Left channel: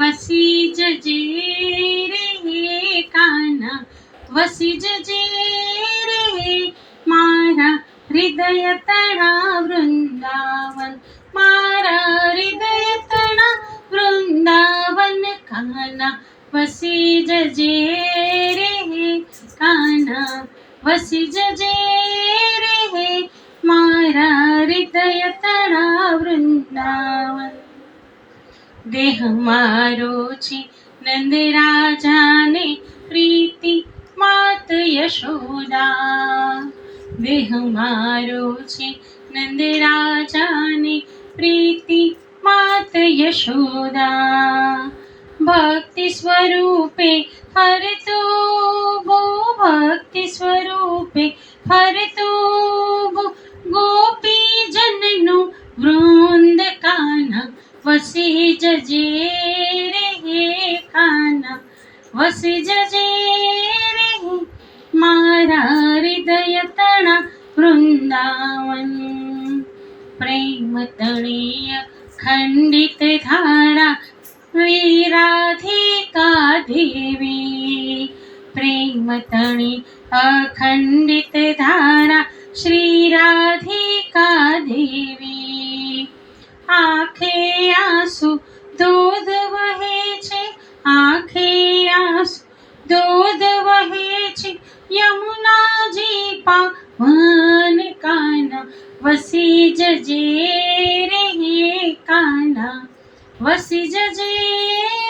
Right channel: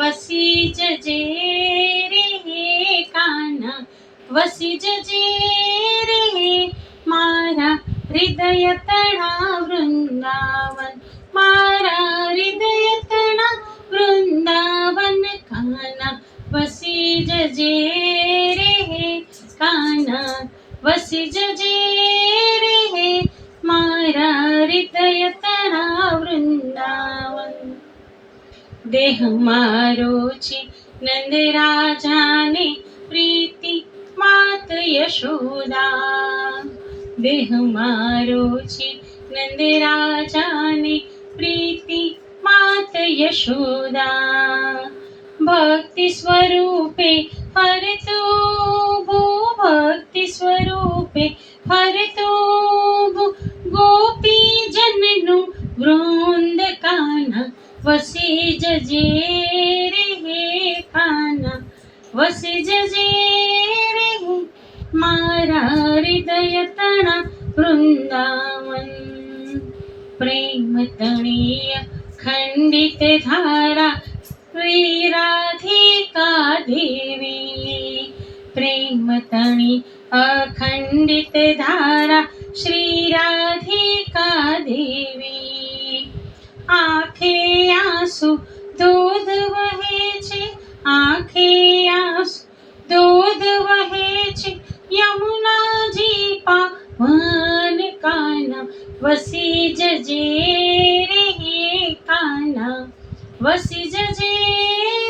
वसी जजे रे काना, वसी जजे रे मारा हृदय तळा वृंदावन, मारा हृदय तळा वृंदावन काना, वसी जजे रे काना, वसी जजे रे मारा हृदय तळा वृंदावन. देह मारो છે નંદ રાજાને પ્રીતિ માત યશોદા, દેહ મારો છે નંદ રાજાને પ્રીતિ માત યશોદા. ભક્તિ સ્વરૂપે હરતો ભો, ભક્તિ સ્વરૂપે હરતો ભો ગોપી જનનું વૃંદ કાના, વસી જજે રે કાના, વસી જજે રે મારા હૃદય તણા વૃંદાવન. પ્રેમ તણીય ખંડિત ધારા શ્રી રાધિકા દેવી, પ્રેમ તણી અખંડિત ધારા શ્રી રાધિકા દેવી. આંખે આંસુ દૂધ વહે છે, આંખે આંસુ દૂધ વહે છે યમુનાજી પાવન કાના, વસી જજે રે કાના, વસી જજે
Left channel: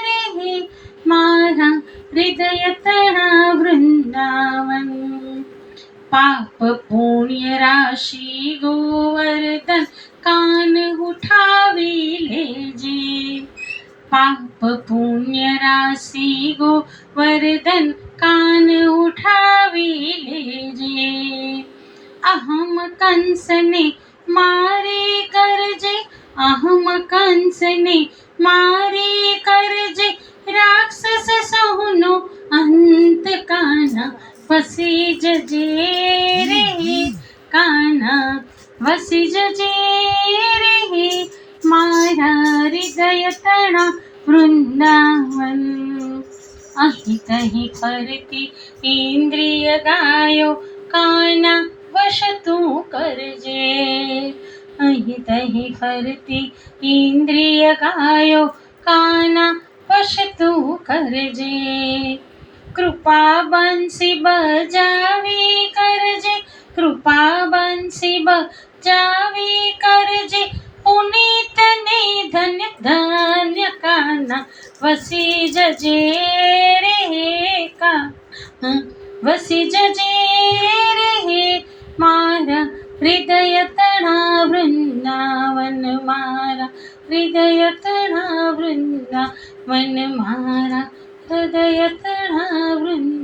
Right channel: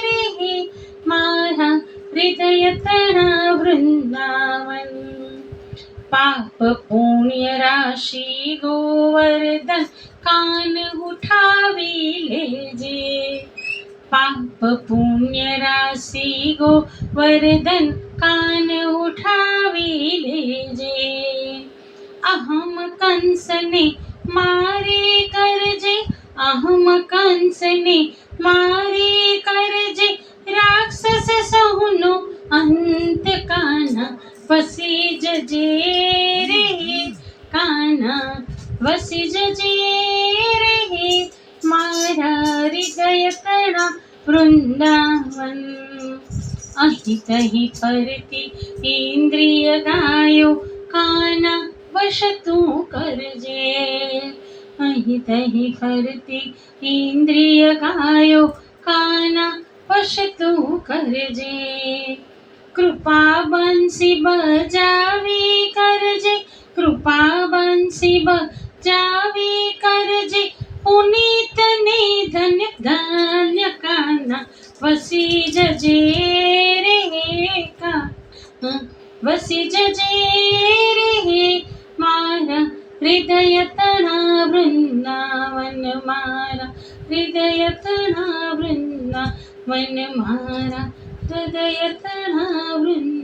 રે મારા હૃદય તળા વૃંદાવન. પાપ પુણ્ય રાશિ ગોવર્ધન કાન ઉઠાવી લેજે, પાપ પુણ્ય રાશિ ગોવર્ધન કાન ઉઠાવી લેજે. અહમ કંસને મારે કરજે, અહમ કંસને મારે કરજે રાક્ષસ સહુનો અંત કાના, વસી જજે રે કાના, વસી જજે રે મારા હૃદય તળા વૃંદાવન. અહીં તહીં ફરતી ઇન્દ્રિય ગાયો કાના વશ તું કરજે, અહીં તહીં ફરતી ઇન્દ્રિય ગાયો કાના વશ તું કરજે. કૃપા બંસી બજાવી કરજે, કૃપા બંસી બજાવી કરજે પુનિત ને ધન્ય ધન્ય કાના, વસી જજે રે કાના, વસી જજે રે મારા હૃદય તળા વૃંદાવન, મારા હૃદય તળા વૃંદાવન, મારા હૃદય તળા વૃંદાવન.